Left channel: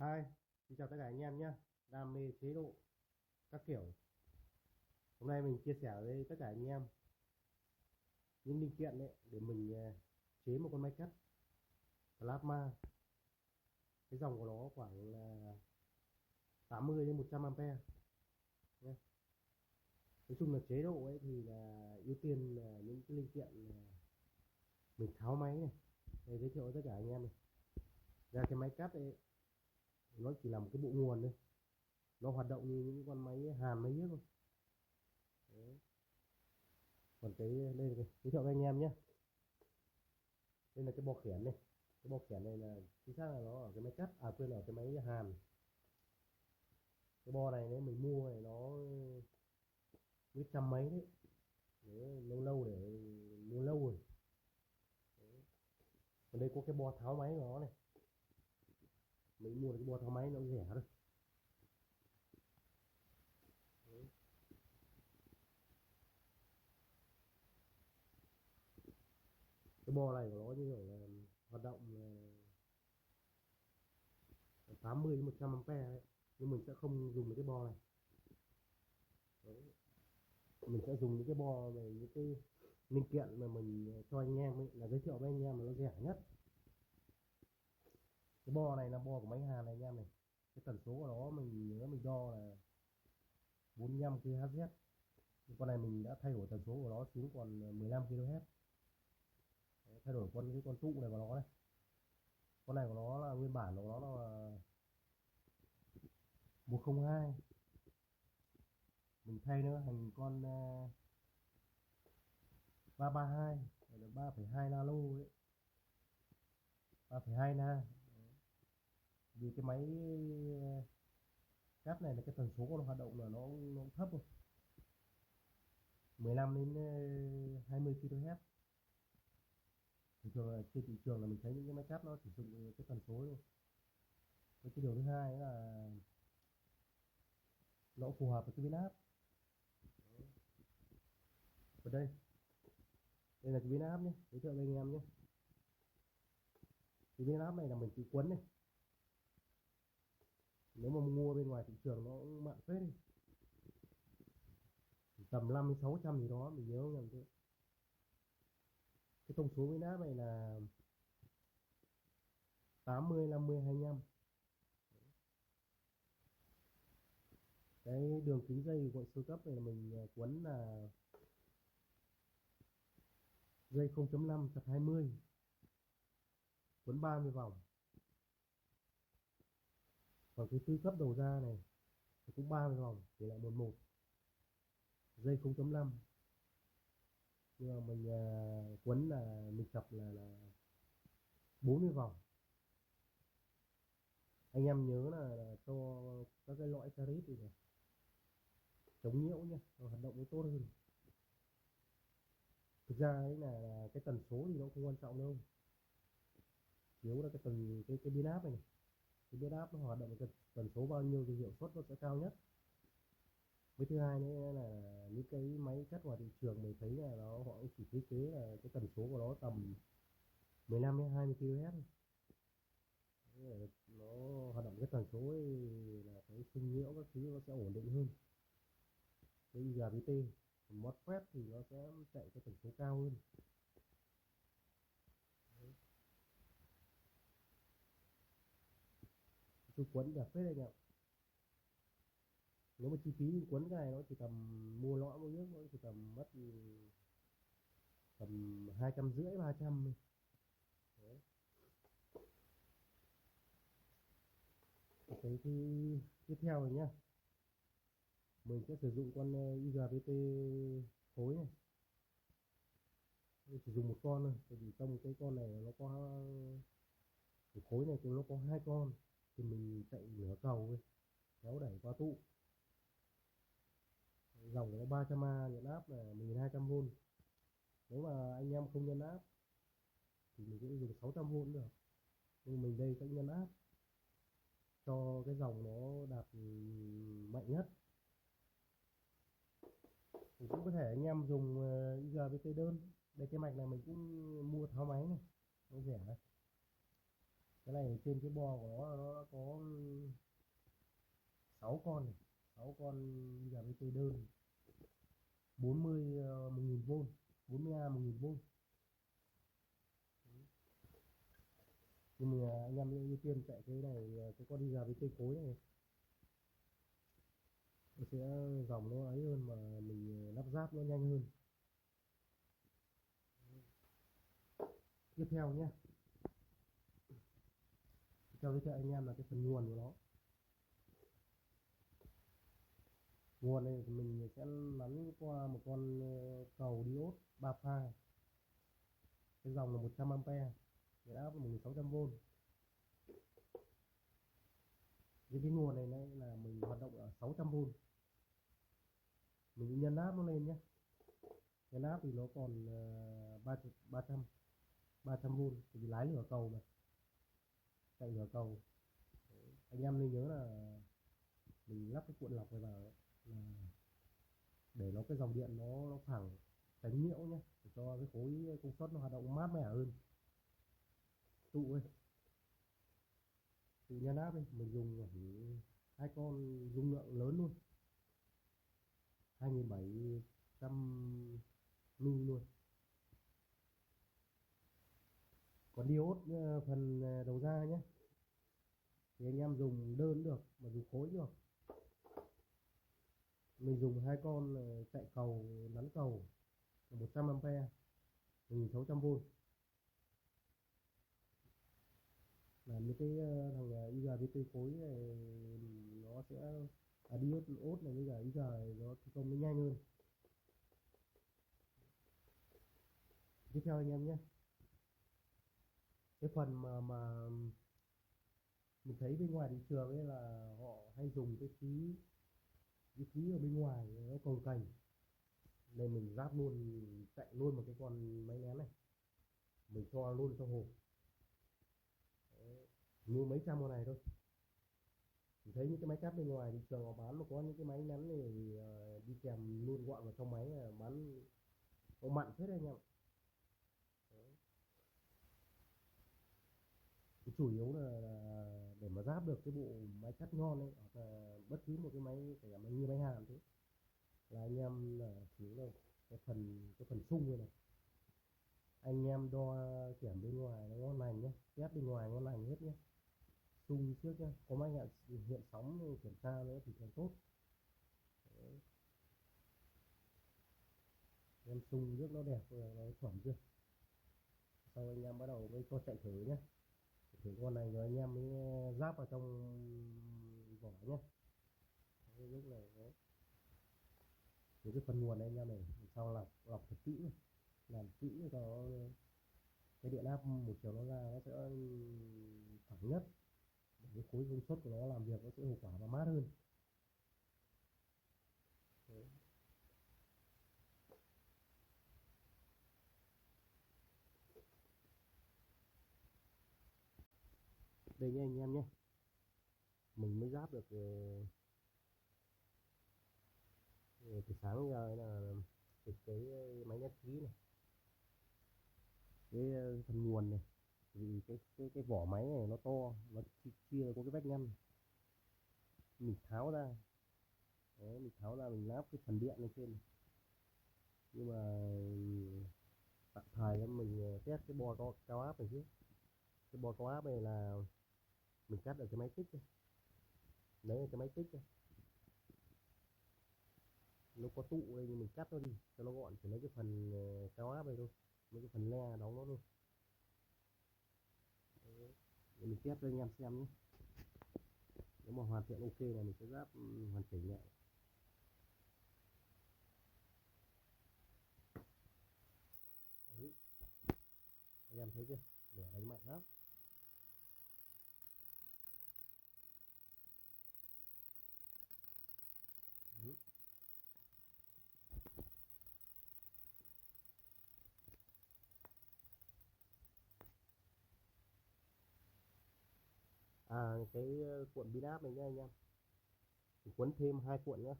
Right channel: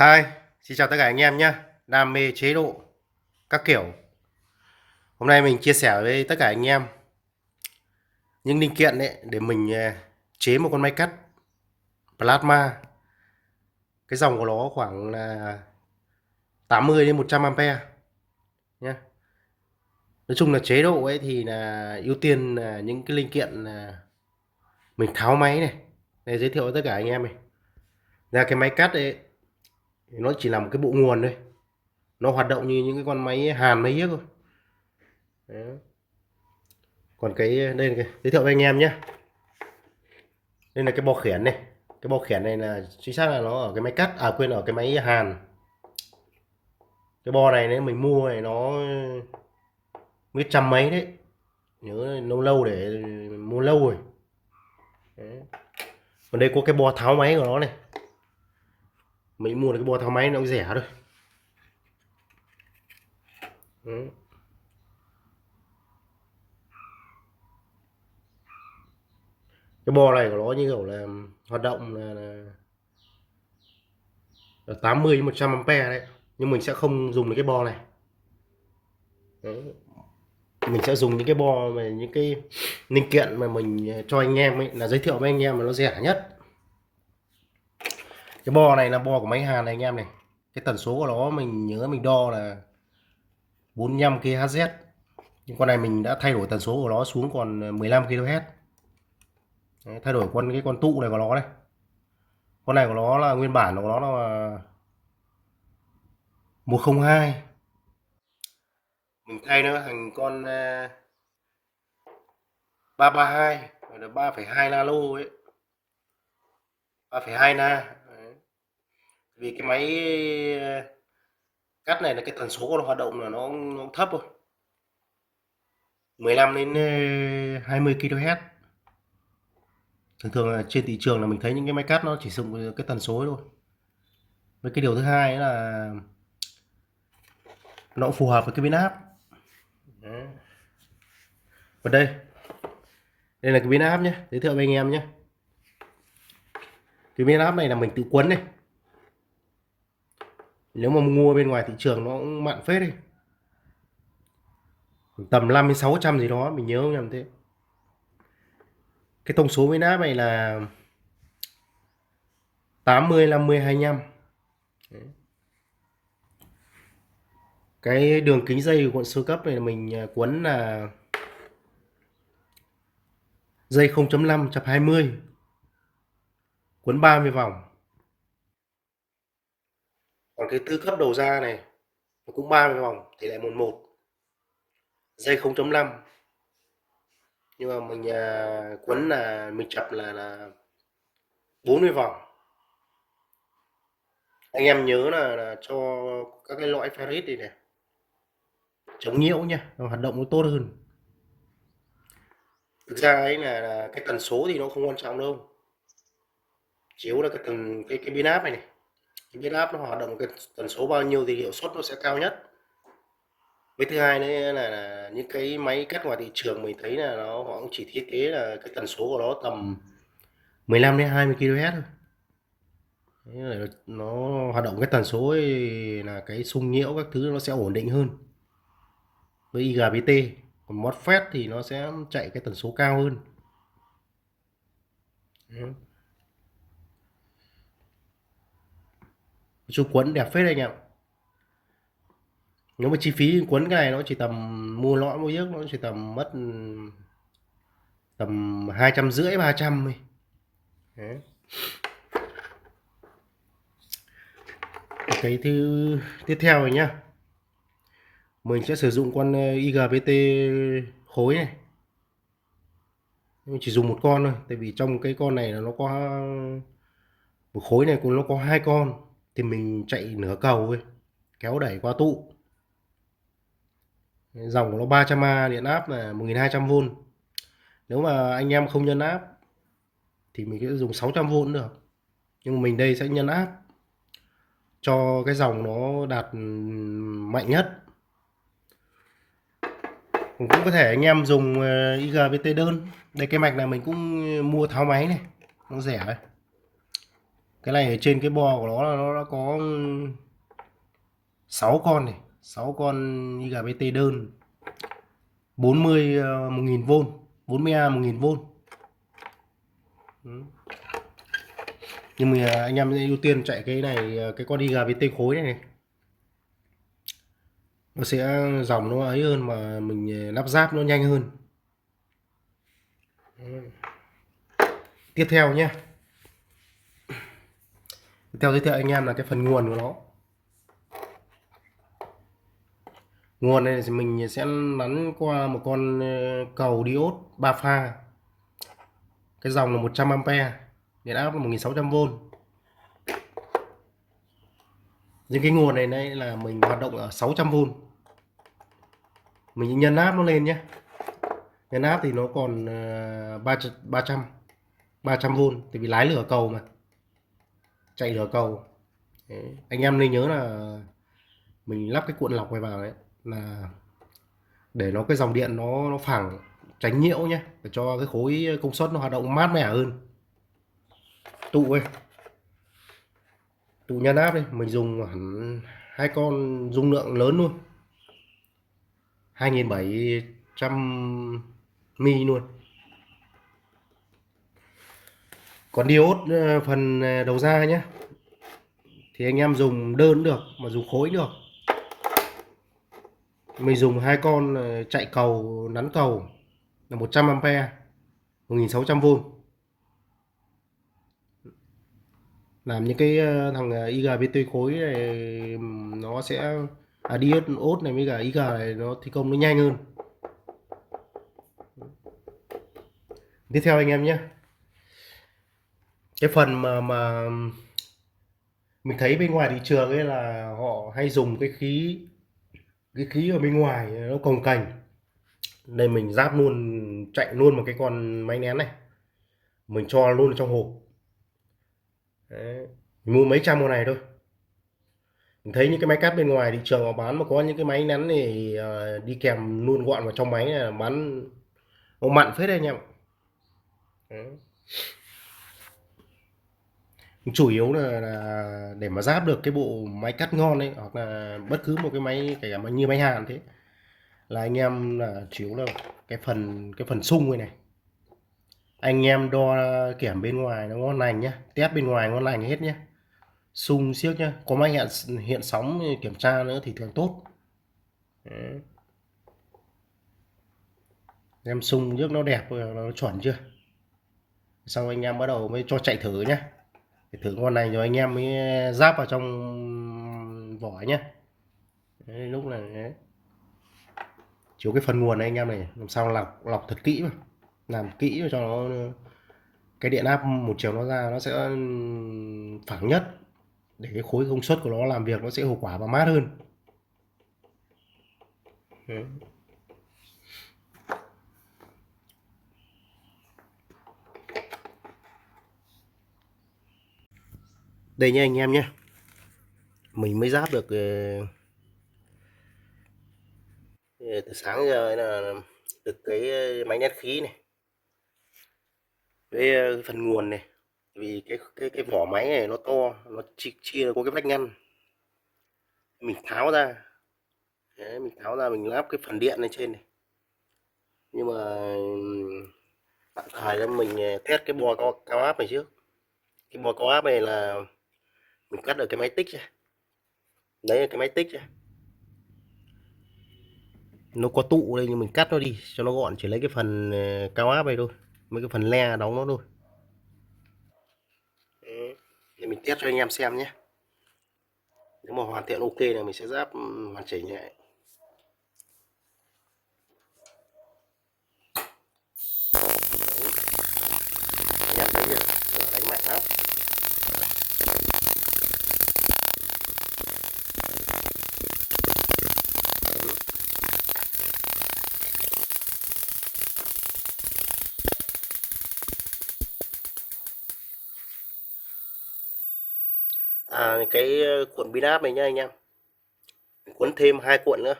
Hi, xin chào tất cả anh em nhé. Đam mê chế độ các kiểu. Hôm nay mình chia sẻ với tất cả anh em những linh kiện đấy để mình chế một con máy cắt plasma. Cái dòng của nó khoảng là 80 đến 100 ampere nhé. Nói chung là chế độ ấy thì là ưu tiên là những cái linh kiện là mình tháo máy này. Để giới thiệu với tất cả anh em này. Là cái máy cắt ấy thì nó chỉ là một cái bộ nguồn thôi. Nó hoạt động như những cái con máy hàn máy hiếc thôi. Đấy. Còn đây là giới thiệu với anh em nhé. Đây là cái bo khiển này. Cái bo khiển này là chính xác là nó ở cái máy cắt, quên, ở cái máy hàn. Cái bo này nếu mình mua này nó mới trăm mấy đấy, nhớ lâu lâu để mua lâu rồi. Đấy. Còn đây có cái bo tháo máy của nó này, mình mua được cái bo tháo máy nó cũng rẻ thôi. Đấy. Cái bo này của nó như kiểu là hoạt động là 80 đến 100 ampere đấy, nhưng mình sẽ không dùng được cái bo này. Đấy. Mình sẽ dùng những cái bo về những cái linh kiện mà mình cho anh em ấy, là giới thiệu với anh em mà nó rẻ nhất. Cái bo này là bo của máy hàn này anh em này. Cái tần số của nó mình nhớ mình đo là 45 kHz, nhưng con này mình đã thay đổi tần số của nó xuống còn 15 kHz. Đấy, thay đổi cái con tụ này của nó này. Con này của nó là nguyên bản của nó là 102, mình thay nó thành con 332 là 3,2 nano ấy, 3,2 na. Đấy. Vì cái máy cắt này là cái tần số của nó hoạt động là nó thấp thôi, 15 đến 20 kHz. Thường thường là trên thị trường là mình thấy những cái máy cắt nó chỉ sử dụng cái tần số ấy thôi. Với cái điều thứ hai là nó cũng phù hợp với cái biến áp. Đấy. Và đây là cái biến áp nhé, giới thiệu với anh em nhé. Cái biến áp này là mình tự quấn này, nếu mà mua bên ngoài thị trường nó cũng mặn phết đi, tầm 5 đến 600 gì đó, mình nhớ không nhầm thế. Cái thông số biến áp này là 80 50 25. Đấy. Cái đường kính dây của cuộn sơ cấp này là mình quấn là dây 0.5 chập 20, quấn 30 vòng. Còn cái tư cấp đầu ra này cũng 30 vòng, tỷ lệ 11, dây 0.5, nhưng mà mình quấn là mình chập là 40 vòng. Anh em nhớ là cho các cái lõi ferrit này này chống nhiễu nhá, nó hoạt động nó tốt hơn. Thực ra ấy là cái tần số thì nó không quan trọng đâu, chỉ yếu là cái biến áp này, cái biến áp nó hoạt động cái tần số bao nhiêu thì hiệu suất nó sẽ cao nhất. Với thứ hai nữa là những cái máy cắt ngoài thị trường mình thấy là họ cũng chỉ thiết kế là cái tần số của nó tầm 15 đến 20 kHz thôi. Thế là nó hoạt động cái tần số ấy, là cái xung nhiễu các thứ nó sẽ ổn định hơn với IGBT. Còn MOSFET thì nó sẽ chạy cái tần số cao hơn. Chung quấn đẹp phết anh ạ. Nếu mà chi phí quấn cái này nó chỉ tầm, mua lõi mua yếc nó chỉ tầm mất tầm 250 300 thôi. Đấy. Cái thứ tiếp theo này nhá, mình sẽ sử dụng con IGBT khối này, mình chỉ dùng một con thôi, tại vì trong cái con này là nó có một khối này cũng nó có hai con, thì mình chạy nửa cầu thôi, kéo đẩy qua tụ. Dòng của nó 300A, điện áp là 1200V. Nếu mà anh em không nhân áp thì mình sẽ dùng 600V được, nhưng mà mình đây sẽ nhân áp cho cái dòng nó đạt mạnh nhất. Cũng có thể anh em dùng IGBT đơn. Đây cái mạch này mình cũng mua tháo máy này, nó rẻ đấy. Cái này ở trên cái bo của nó là nó đã có 6 con này, 6 con IGBT đơn 40 1000V, 40A 1000V. Nhưng mà anh em ưu tiên chạy cái này, cái con IGBT khối này, nó sẽ dòng nó ấy hơn mà mình lắp ráp nó nhanh hơn. Tiếp theo nhé, tiếp theo giới thiệu anh em là cái phần nguồn của nó. Nguồn này thì mình sẽ nắn qua một con cầu diode 3 pha, cái dòng là 100A, điện áp là 1600V. Nhưng cái nguồn này đây là mình hoạt động ở 600V, mình nhân áp nó lên nhé. Nhân áp thì nó còn 300V, tại vì lái lửa cầu mà, chạy lửa cầu. Đấy. Anh em nên nhớ là mình lắp cái cuộn lọc này vào đấy là để nó cái dòng điện nó phẳng, tránh nhiễu nhé, để cho cái khối công suất nó hoạt động mát mẻ hơn. Tụ ấy, tụ nhân áp đây mình dùng hẳn 2 con dung lượng lớn luôn, 2700 mi luôn. Còn diode phần đầu ra nhé, thì anh em dùng đơn được mà dùng khối được. Mình dùng 2 con chạy cầu, nắn cầu là 100A, 1600V, làm những cái thằng IGBT khối này nó sẽ diode này với cả IG này nó thi công nó nhanh hơn. Tiếp theo anh em nhé, cái phần mà mình thấy bên ngoài thị trường ấy là họ hay dùng cái khí ở bên ngoài nó cồng kềnh. Đây mình ráp luôn, chạy luôn một cái con máy nén này, mình cho luôn trong hộp. Đấy. Mình mua mấy trăm con này thôi. Mình thấy những cái máy cắt bên ngoài thị trường họ bán mà có những cái máy nén thì đi kèm luôn gọn vào trong máy là bán nó mặn phết đấy anh em. Đấy. Chủ yếu là để mà ráp được cái bộ máy cắt ngon ấy, hoặc là bất cứ một cái máy kể cả như máy hàn thế, là anh em là chủ yếu là cái phần sung này này, anh em đo kiểm bên ngoài nó ngon lành nhá, test bên ngoài ngon lành hết nhá, sung siếc nhá, có máy hiện sóng kiểm tra nữa thì thường tốt. Đấy. Em sung nước nó đẹp rồi, nó chuẩn chưa, xong anh em bắt đầu mới cho chạy thử nhá, để thử con này rồi anh em mới ráp vào trong vỏ nhá. Đấy, lúc này đấy. Chiếu cái phần nguồn này anh em này làm sao lọc lọc thật kỹ mà, làm kỹ cho nó cái điện áp một chiều nó ra nó sẽ phẳng nhất, để cái khối công suất của nó làm việc nó sẽ hiệu quả và mát hơn. Đấy. Đây nha anh em nhé, mình mới ráp được từ sáng giờ là được cái máy nén khí này với phần nguồn này, vì cái vỏ máy này nó to, nó chia có cái vách ngăn, mình tháo ra. Đấy, mình tháo ra mình lắp cái phần điện lên trên này, nhưng mà tạm thời là mình test cái bo cao áp này trước. Cái bo cao áp này là mình cắt được cái máy tích ra, đấy là cái máy tích ra, nó có tụ đây nhưng mình cắt nó đi cho nó gọn, chỉ lấy cái phần cao áp này thôi, mấy cái phần le đóng nó thôi. Đấy. Để mình test cho anh em xem nhé, nếu mà hoàn thiện ok là mình sẽ ráp hoàn chỉnh lại. Nhắc đến việc đánh mạnh lắm. Cái cuộn pin áp này nhá anh em, mình cuốn thêm 2 cuộn nữa,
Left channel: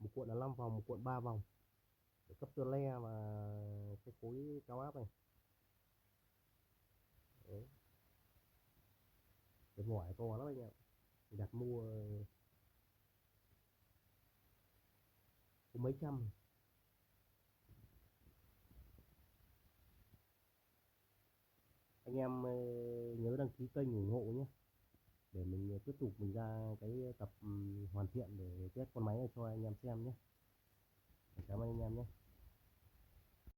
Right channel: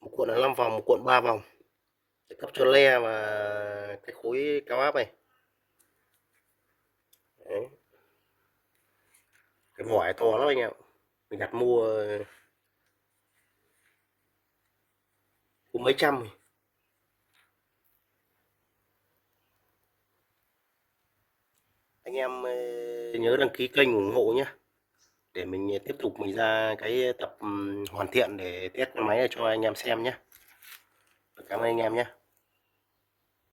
một cuộn là 5 vòng, một cuộn 3 vòng, để cấp cho le và cái khối cao áp này. Đấy. Cái vỏ to lắm anh em, mình đặt mua có mấy trăm rồi. Anh em nhớ đăng ký kênh ủng hộ nhé, để mình tiếp tục mình ra cái tập hoàn thiện để test con máy này cho anh em xem nhé. Cảm ơn anh em nhé.